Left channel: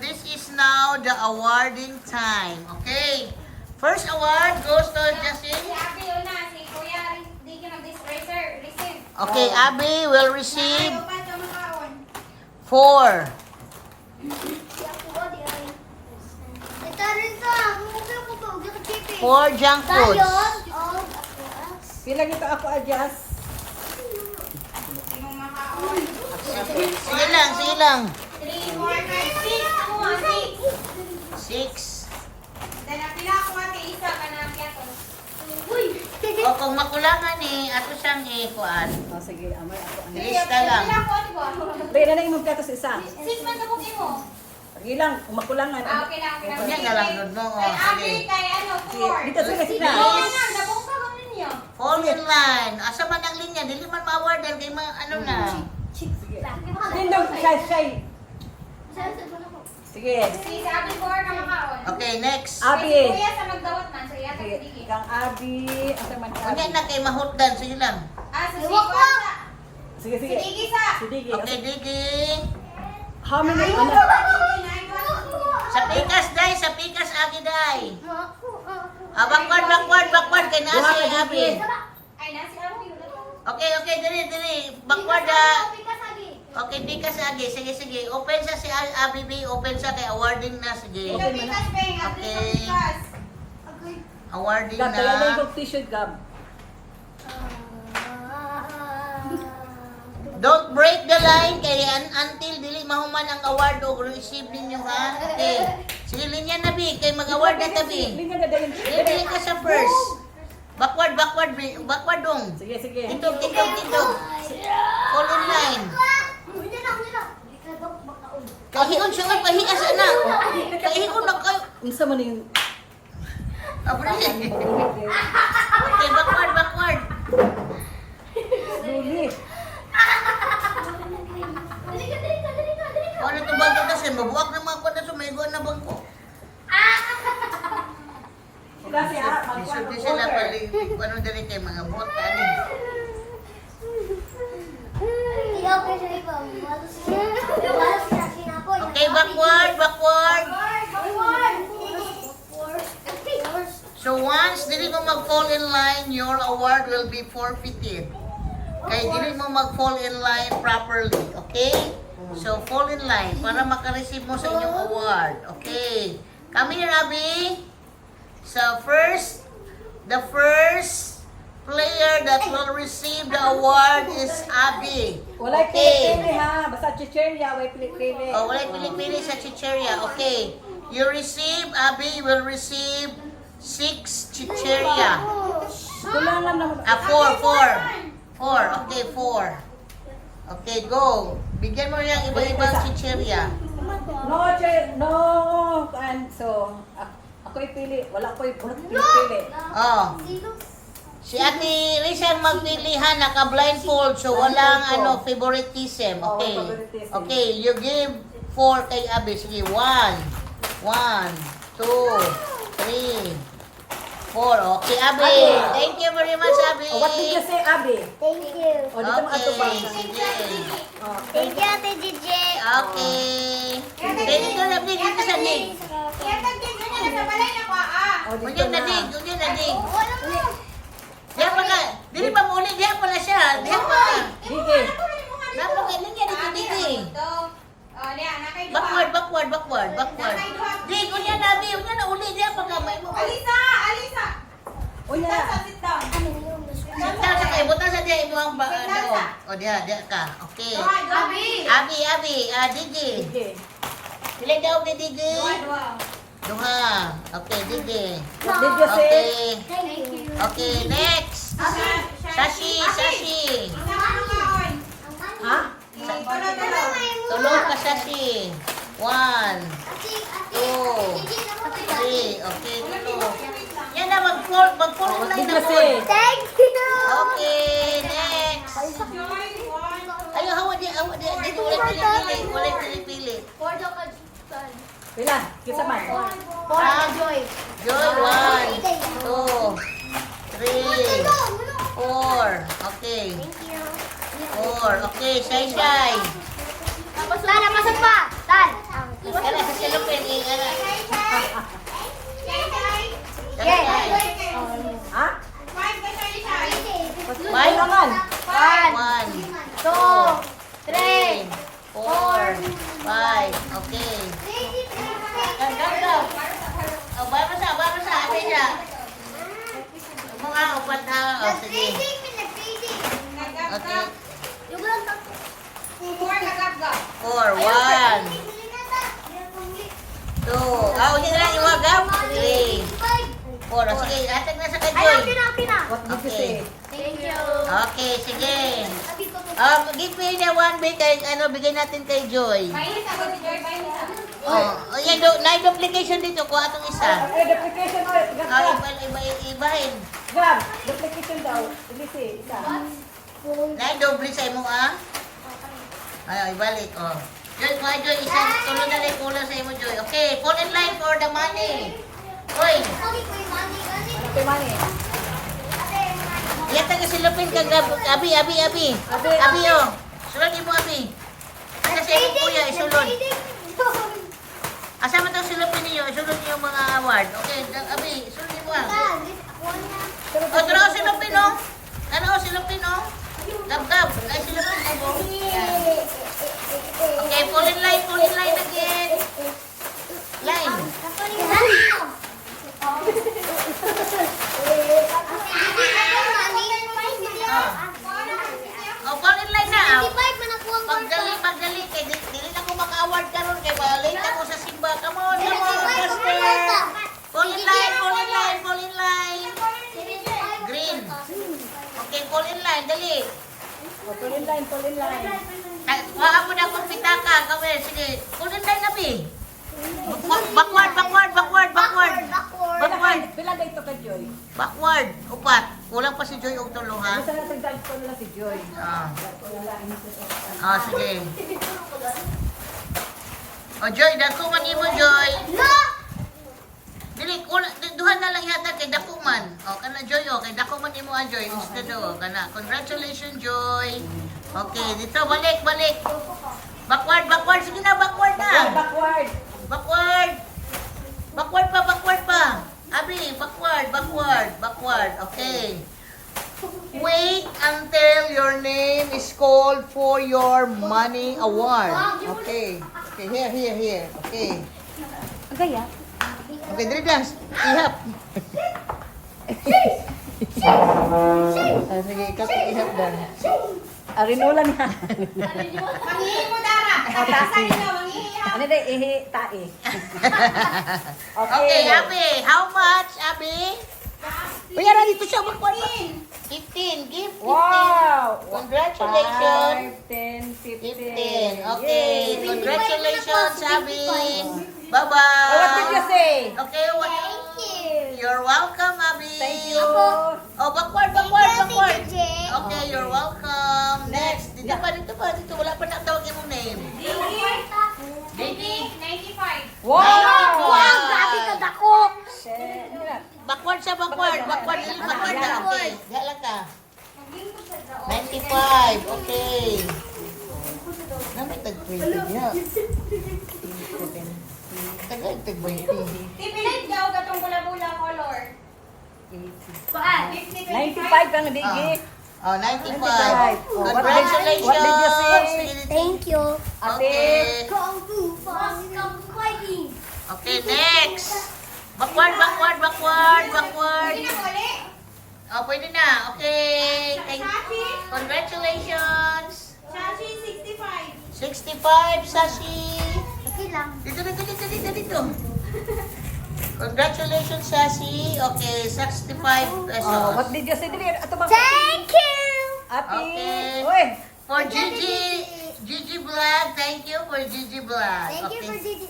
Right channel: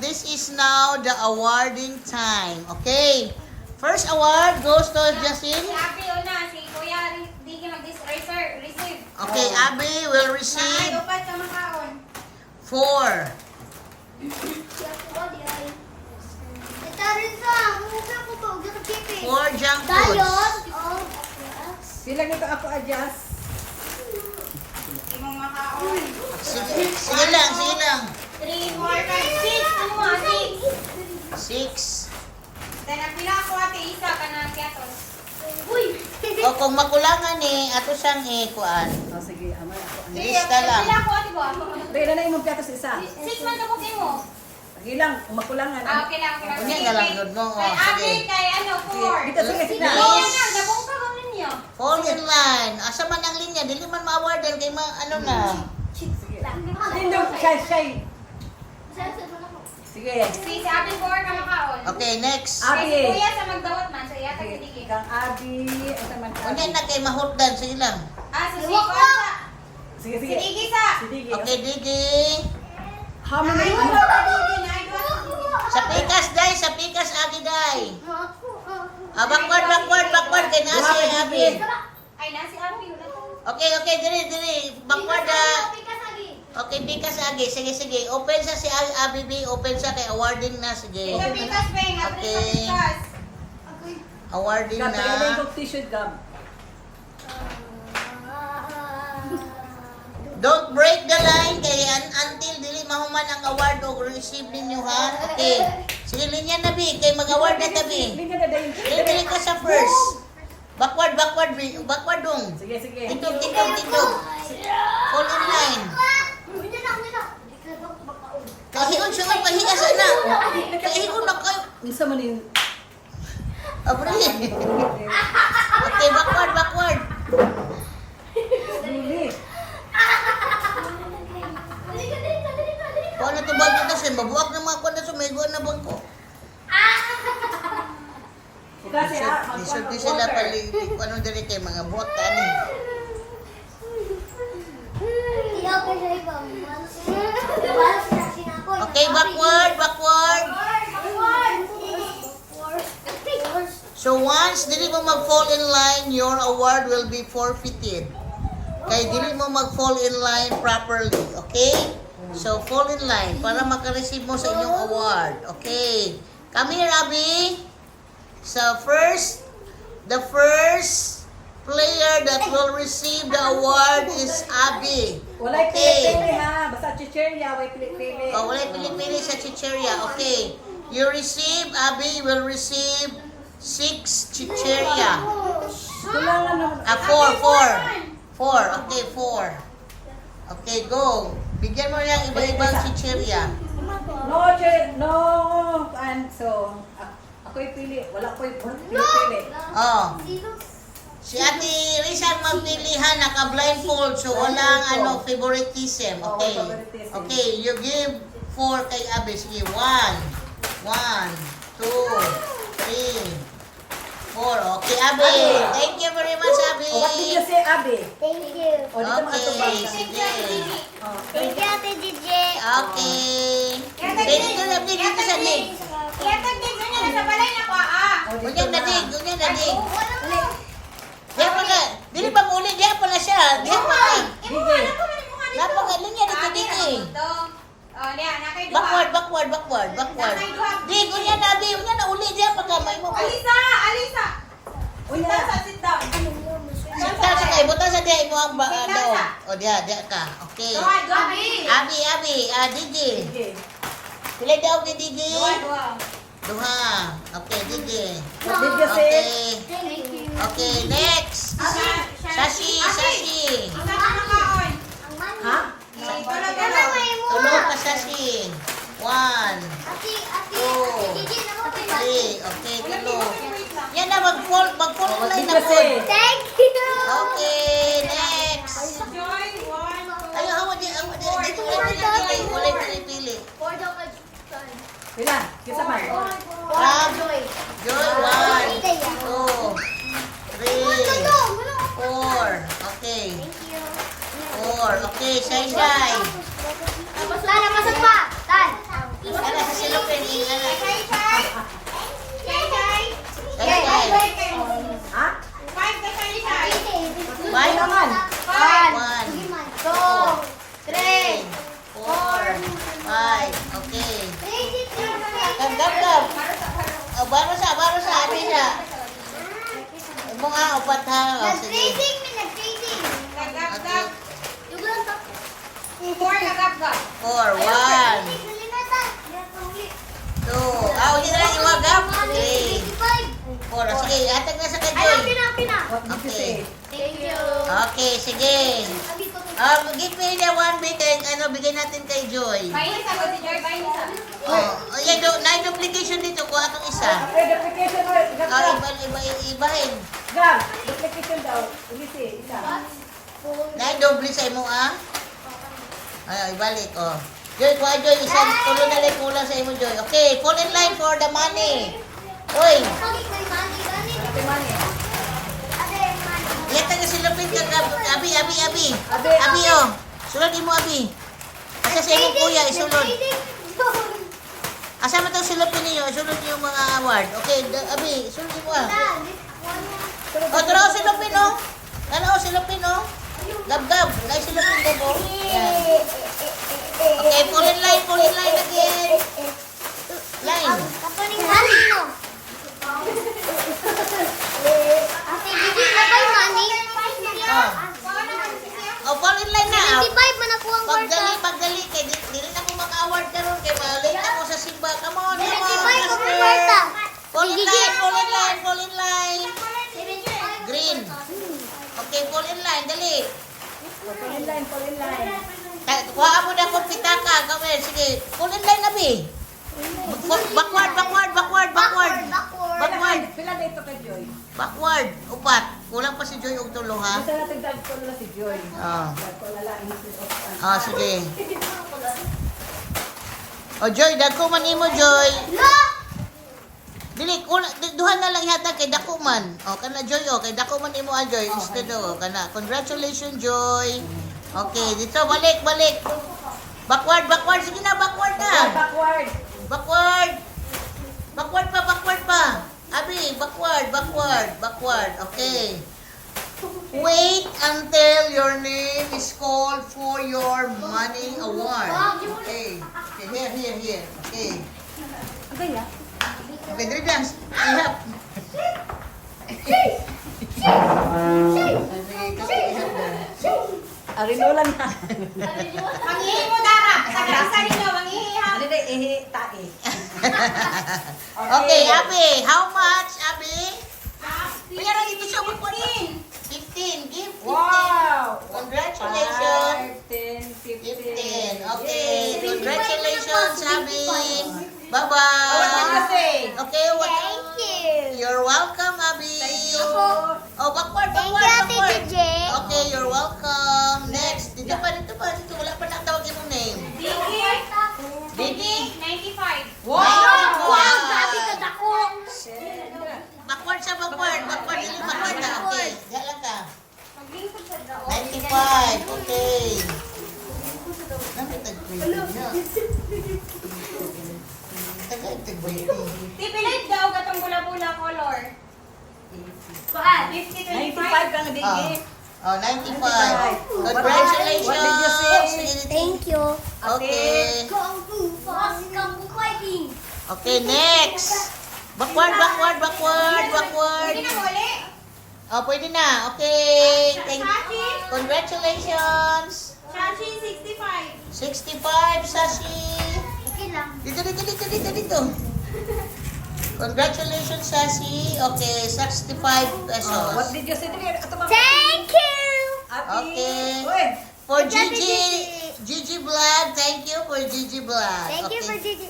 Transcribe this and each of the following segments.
this is now the awarding time. Okay. First award goes to Justin. Si Abby una, si Kuya Diki receive. Okay, Abby will receive Upat ka makaon. 4. Four junk food. Pila nito ako adjust. Sinong makaon? Sige lang, sige lang. 3, 4, 5, 6. 6. Then napila ako ate isa ka na piatos. O kung makulangan ato sang kuan. Oh, sige, amay ako. Lista lang. Pila ako ate ko. Pila na imong piatos isa. 6 man ako mo. Sige lang, kumakulangan. Okay na, okay na. Kunya na lang nun mo. Kay Sige. Abby, kay ano, 4. Dito sige, sige. Oo na, nabungka ka man niyo. Fall in line. Asa man ang linya? Dili man ma-awardan kay ano lang. Sige. Hindi, shy. Sige. Si Abby 4 ka makaon. Okay, next. Abi. Si Kuya sa magdawat man, sa yata Sige, si Diki. kang Abi. Asa man ka? Kunya na kay mahutdan. Sige lang. Si Siko sa. Sige, Si sige. Diki sa. Sige. Okay, Digi. How many? Ano? Sa pikas, day. Sa pikas, agi, day. Backward. Kay na si Abi. Ay, nasi Abby. Okay, dili. Backward, Okay, pikas, agi. Sige. Open sa si Abi B. Open sa kay awarding na. Sige. Ikaw pikas, Beng. Okay. Awarding Gab, kaya na. yung t-shirt, Gab. Don't break the line kay until dili mahuman ang award o receive ninyo ha. Okay. Sige linya na bi kay mag-award na tabi. Hindi na dahil. Dili ka sa first. Backward dong. Sige. Tindog. Fall in line. Kahiyon siya nga pahiya sa na. Kahiyon na kayo. Unsa man yung Abra. Okay, backward. huli? Kung ano to bago na siya, mabuwag na mga kwanda sa may na bangko. Kasi Di sila pali, ano dali kay mga bot, ano. Okay, backward. So once dili mo mag-fall in line, your award will be forfeited. Kay dili mo mag-fall in line properly, okay? So fall in line para maka-receive mo sa inyong award. Okay. Come here, Abby. So the first player that will receive the award is Abby. Walay Okay. pili ha, basta chicherya, way pili. Oh, walay pili-pili sa chicheria. Okay. You receive, Abby will receive 6 chicheria. Kulangan na. 4. Okay, 4. Okay, go. Bigyan mo yung iba-ibang chicheria. No, and so, ako'y pili. Wala ko'y pili. Oh. Si Ate Rizal magpilihan, naka-blindfold, so walang favoritism. Okay. favoritism. Okay, you give 4 kay Abby. Sige, 1, 2, 3, 4. Okay, Abby. Thank you very much, Abby. Oh, what did you say, Abi? Thank you. O, dito mo ato ba? Okay, sige. Oh. Thank you, Ate DJ. Okay. Say dito na, dito sa dig. Kaya tagdig ko niya, nasa balay na pa, ah. O, dito Kunyan na na. dig, kunyan na dig. Wala mo. Diyan pa ka. Dili pa muli, diyan pa na siya. Diyan pa ka. Sige. Napagaling niya dito, dito eh. Backward. Dig, kunyan na, dig. Kunyan na uli, diyan pa ka. May mo. Alisa. Unya. Sit down. Ano yun? Sinta sa kayo, buta sa diyan ino ang daw. O diyan ka. Okay. Abi. Abi, Digi. Sige. Pila daw ni Digi? Duha. Okay, Digi. What did you say? Okay. Thank you. Okay, next. Sashi. Ha? Tulog ka, Sashi. 1, 2, 3. Okay, tulog. Yan na, mag-fall What line did na you po. say? Thank you. Okay, next. Ayaw, hawa di. Wala pili. Pila? Kisa man? Joy. Joy, 1, 2, 3, 4. Okay. Thank you. 4. Okay, Shy. Tan, napasok pa. Tan. Yan na, sa 5. Okay. Gab. Oh, baro sa, abi siya. Imo nga, upat ha. Oh, sige. Okay. Four na gab-gab. 4, 1, 2. Hindi na lang iwagap. 3, 4. Sige, hatag na sa kay Joy. What did you say? Thank you. Okay, sige. Give me the one big kay, bigay natin kay Joy. Mainit ako si Joy, mainit ako. Yan, na-duplication dito. Kuha itong isa. Duplication daw. Ibahin. Gab, duplication daw. Lisi, isa. Na-double sa imo, ah. Ay, ibalik, oh. Joy, kuha Joy. Isang tulo na lang kulang sa imo, Joy. Okay, fall in line for the money. Oy, Okay, mani. yan taga silupin ka, Abi. Abi, oh. Sulod mo, Abi. Asa sa imo, kuya, isulod. Asa mo itong silupin niyo? Isulod niyo yung mga award. Okay, Abi, isulod mo, ah. O, ito na, silupin, oh. Ano, silupin, oh. Gab. Kaya silupin mo, oh. Yan. Okay, fall in line again. Line. Oh, fall in line na. Pagdali. Kaya dili na ko maka-award karon kay malate ako sa simba. Come on. Fall in line. Green. Okay, fall in line. Dali. Fall in line. Kuha mo na kung pitaka. Gawin. Sige. Fall in line, Abi. Backward. Pila na ito kay Joy? Backward. Upat. Kulang pa si Joy og tulo, ha? Basta natin dahil ko na si Joy. Sige. Joy, dagko man imo, Joy. Dili, duhan na lang yata kay dako man. Kana Joy, kay dako man imo ang Joy. Instead, kana. Congratulations, Joy. Okay, dito, balik. Backward. Sige na, backward na. Backward pa. Abi, backward. Okay. Wait until your name is called for your money award. Okay, here. Okay. Okay, dali dance. Ihap. Sige, kako ihap dan. Arinola na. Mangihi mo, Dara. Asa nito, mangihi ha. Ano na ihi, tae. Okay, Abi. How much, Abi? Pero dito siya magparin. 15. Give 15. Wow! Congratulations. 15. Okay. Congratulations, Abi. What did you Bye-bye. say? Okay, Thank you. you're welcome, Abi. Oh, backward. Okay, you're welcome. Next. Dito pa. Wala pa nakatawag yung name. Didi. 95. Backward. Dili backward na. Okay. Diyan lang ka. 95. Okay. Namin tag-20 niya. Tag-20. Tipilit daw katong bula-bula color. 95 kang digi. 95. Congratulations. Thank you. Okay. Okay, next. Backward. Hindi na wali. Oh, pwede na. Okay. Congratulations. Shashi 65. 65, Sashi. Okay lang. Dito. Congratulations, Sashi. Okay, 65 What pesos. did you say? Thank you. Okay. Uy, For Gigi Vlog, thank you for Gigi Vlog. Thank you for Okay. Gigi.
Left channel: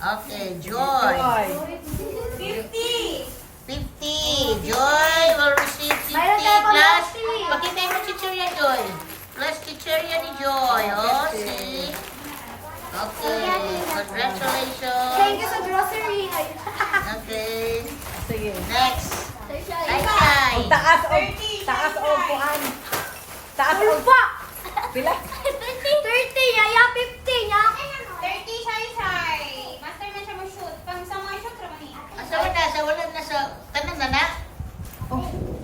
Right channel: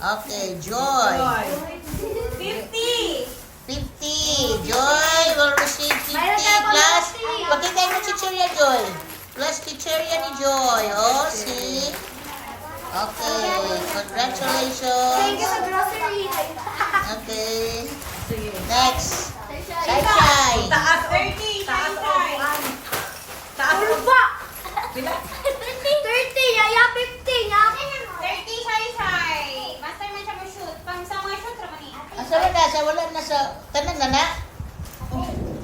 Okay, Joy. 50. 50. Joy will receive 50 Mayroon tayo pang plus. lottery. Pakita yung chichirya, Joy. Plus chichirya ni Joy. Oh, see? Okay. Congratulations. Thank you sa grocery. Okay. sige. Next. Thank Ay. Taas, 30. taas o kuhan. Taas o Ulpa! pila. 30, yaya 50, ya. 30 shy. Master man siya mag-shoot. Pang sa mga shoot, ramali. Wala na sa tanong na na.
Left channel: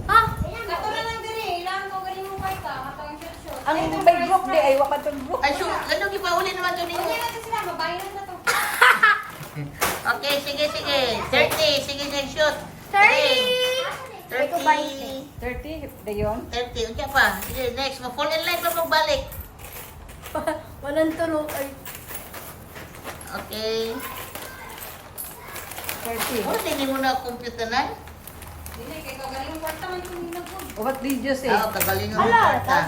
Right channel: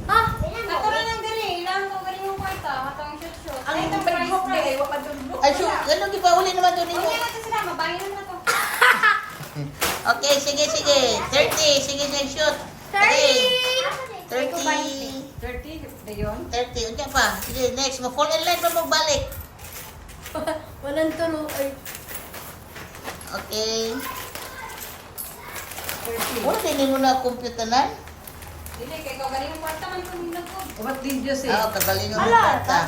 Ha? Katulad ng galing. Ilang ko galing mo pa ito. Hatong shoot. Ang Facebook di ay wakan Facebook. Ay, so, ano, iba uli naman doon dito. Huwag niya na sige. 30, sige na shoot. 30. 30. 30, da yun. 30, unja pa. Sige, next. Mag-fall in line pa magbalik. Walang tulong. Ay. Okay. 30. Oh, hindi mo na computer na? Dili, kaya ko galing yung kwarta man yung hinagod. What did you say? Ah, kagalingon mo kwarta.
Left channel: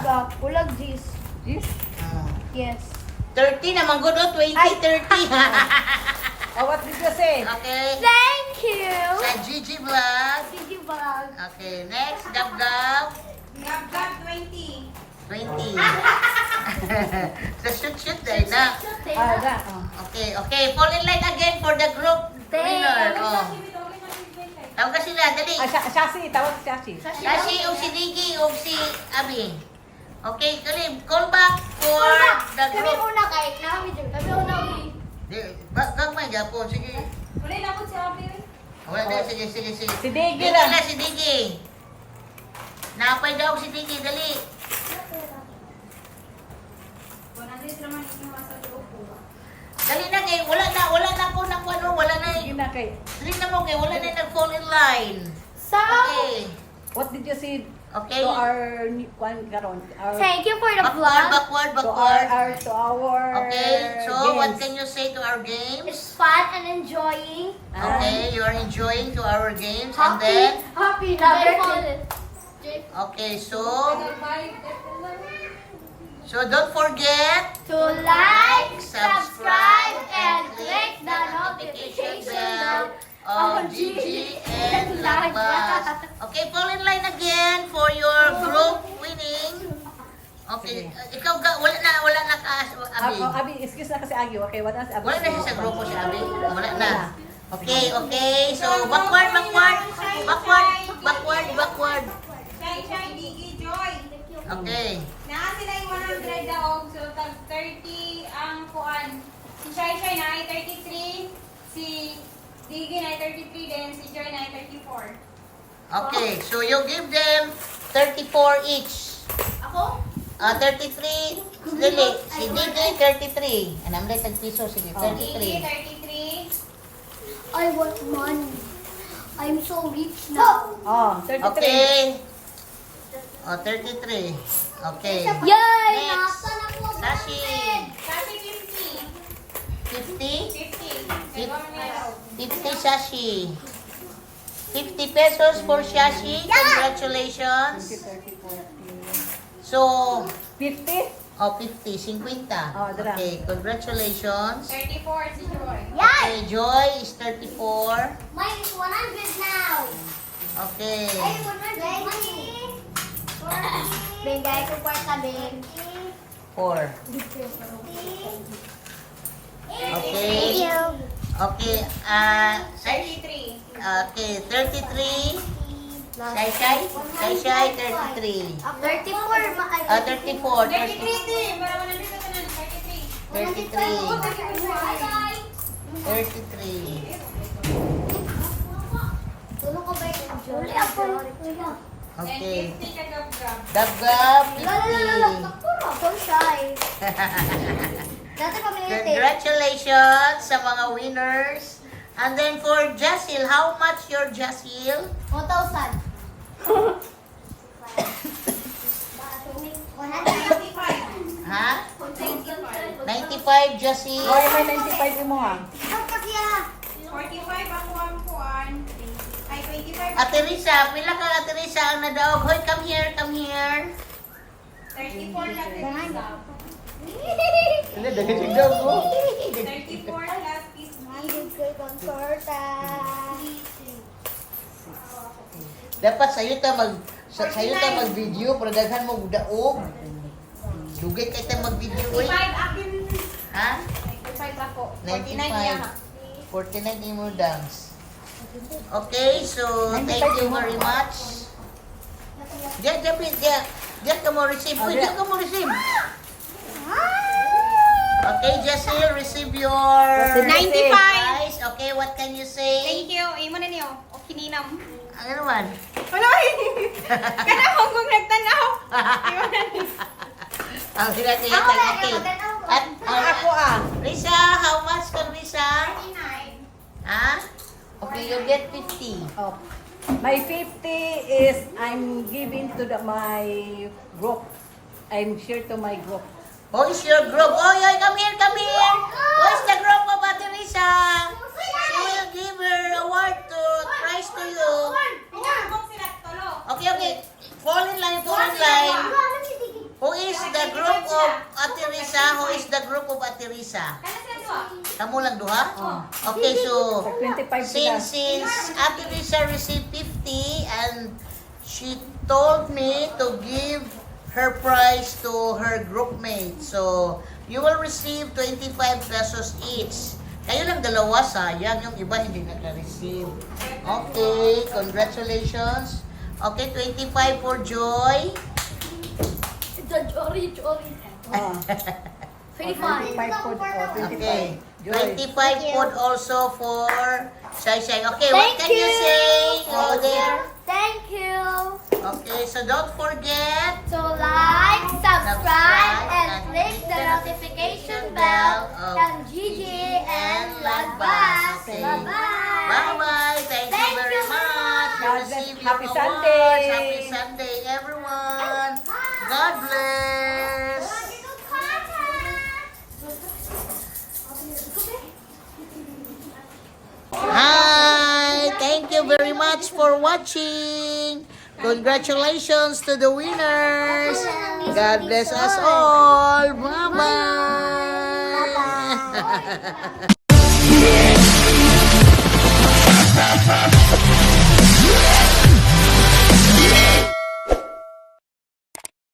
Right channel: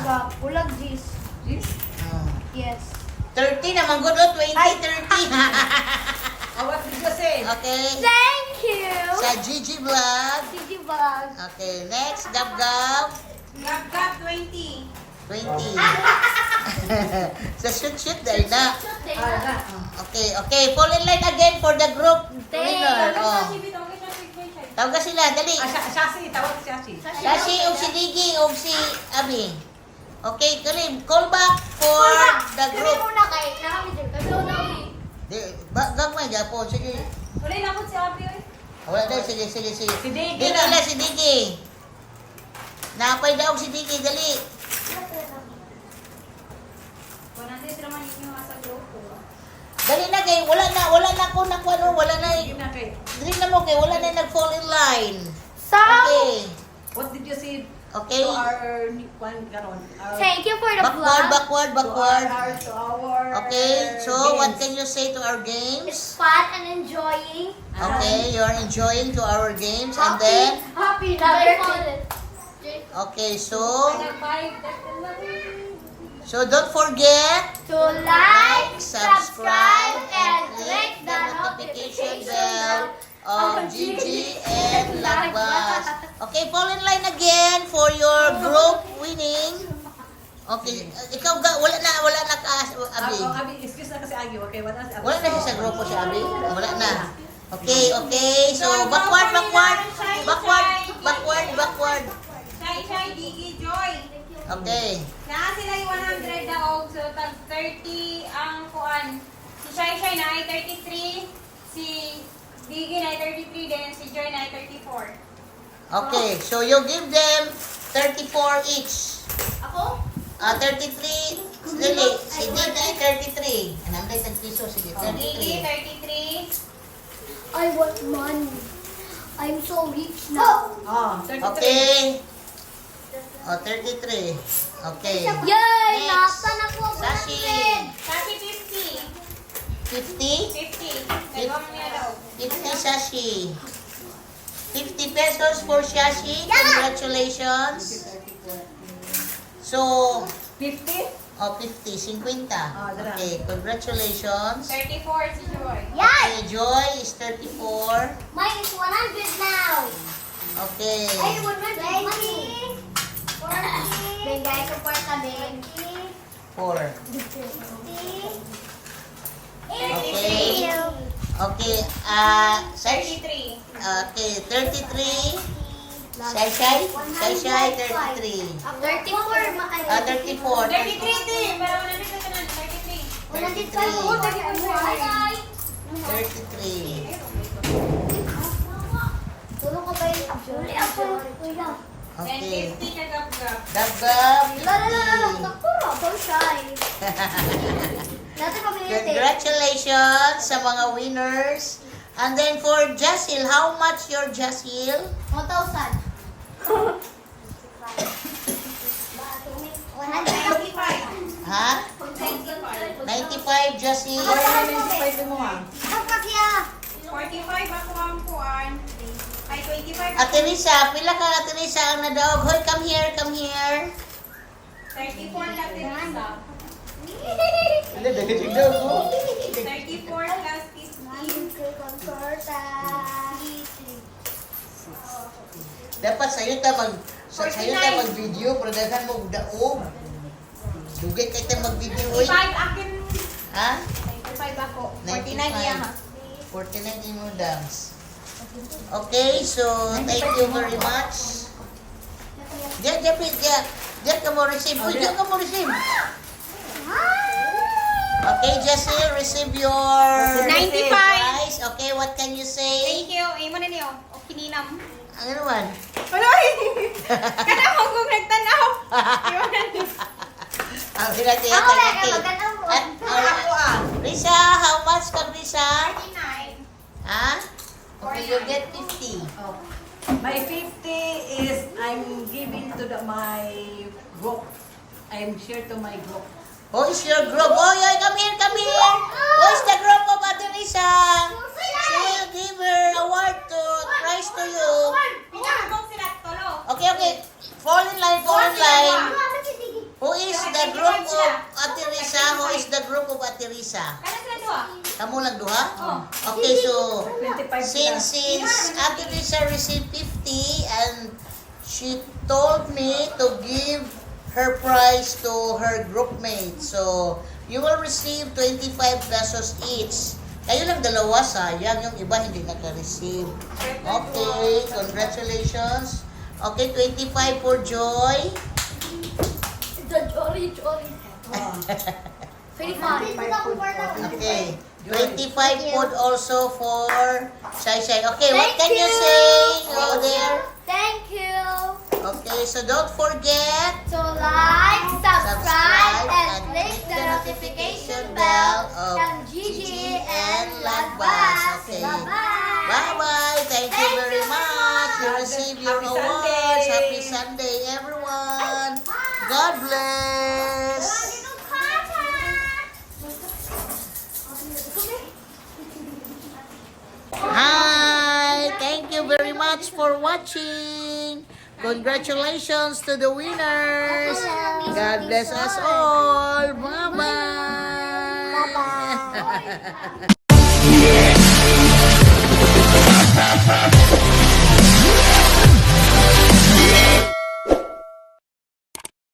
Ulag this. This? Ah. Yes. 30 naman good, oh. 20, 30. Oh, what did you say? Okay. Thank you. Sa Gigi Vlog. Sige, vlog. Okay, next. Gab-gab. Gab-gab 20. 20. Sa shoot-shoot dahil na. Ah, na. Okay. Fall in line again for the group winner. Oh. Tawag ka sila, dali. Shasi, tawag Shasi. Kasi og si Gigi og si Abi. Okay, Karim, call back for the Kami group. una kay. Kami dyan. Kami una kay. Gagmay gapon, sige. Wala na po si Abi. Wala na, sige. Si Digi Dili na. na si Digi. Napay daw si Digi, dali. 100 naman yung sa grupo. Dali na kay, wala na po nakuha, wala na. Sige na kay. Dali na mo kay, wala na nag-fall in line. So, Okay. What did you say Okay. to our one garon? thank you for the Backward, vlog. To our Okay, so what games. can you say to our games? It's fun and enjoying. Okay, you're enjoying to our games and then, Happy. Very fun. okay, so don't forget To like, subscribe and click the notification bell on Gigi and Lakbas. Okay, fall in line again for your group winning. Okay, ikaw wala na Abi. Abi, excuse na kasi Agi. Okay, what else? Wala na siya sa grupo si Abi. Wala na. Okay. So backward. Shai, Digi, Joy. Okay. Na sila yung 100 daog. So, tag 30 ang kuan. Si Shai na ay 33. Si Digi na ay 33. Then si Joy na ay 34. Okay, so you give them 34 each. Ako? 33, Lili, si Digi 33. Anam lang tag-piso, sige, Digi 33. 33. I want money. I'm so rich now. Oh, 33. Okay. 33. Okay. Yay! Next. Nasa na po. Sashi. Sashi 50. 50? 50. Nagawin niya daw. 50 Sashi. 50 pesos for Sashi. Congratulations. So, 50? 50, 50. Okay, congratulations. 34 si Joy. Okay, Joy is 34. Mine is 100 now. Okay. 120. Bengay ko pa kami. 4. Okay. Okay, Sai, 33. okay, 33. Sai, 33. 34. 34. 33 din. Meron na dito na 33. 33. 33. Tulong ko ba yun? Ako. Okay. And 50 ka gab-gab. Dagab, Ako shy. Dati pabili natin. Congratulations sa mga winners. And then for Jasil, how much your Jasil? 1,000. 95. Ha? 95 Jasil. 25 mo ha. 45 ako ang kuan. Ay, 25. Ate Risa, pila ka Ate Risa ang nadaog? Hoy, come here. 34 na din. Ano, dagdag daw ko? 34 plus is 1. Dapat sayo ta mag-video pero daghan mo daog. Dugay kay ta mag-video oy. 5 akin. Ha? 5 ako. 95. 49 imo dams. Okay, so thank you very much. Diyan ka mo receive. Uy, diyan ka mo receive. Okay, Jessie, receive your 95. prize. Okay, what can you say? Thank you. Ay mo na niyo. O kininam. Ano naman? Aloy! Kana mo kung nagtanaw. Ang sila siya Ako, tagati. maganda. At, Risa, how much ka, Risa? 39. Ha? you get 50. Oh. My 50 is I'm giving to my group. I'm share to my group. Who is your group? Oh, yeah, come here, come here. Who is the group of Ate Risa? She will give her award to prize to you. Pinakabong sila tulo. Okay, okay. Fall in line, fall in line. Who is the group of Ate Risa? Who is the group of Ate Risa? Kaya sila duha. Kamu lang duha? Okay, so 25 since Ate Risa received 50 and she told me to give her prize to her group mate. So, you will receive 25 pesos each. Kayo lang dalawa, sayang. Yung iba hindi naka-receive. Okay, congratulations. Okay, 25 for Joy. The Jory. Oh. 25. My food. Okay, 25 food also for Shai Shai. Okay, what Thank can you you. say over there? Thank you. Okay, so don't forget So like, subscribe, Subscribe and and click the notification bell and Gigi and Lagbas. Okay. Bye-bye. Bye-bye. Thank you Thank very you very much. You much. receive your Happy awards. Sunday. Happy Sunday, everyone. God bless. Hi. Thank you very much for watching. Congratulations to the winners. God bless us all. Bye-bye. Bye-bye.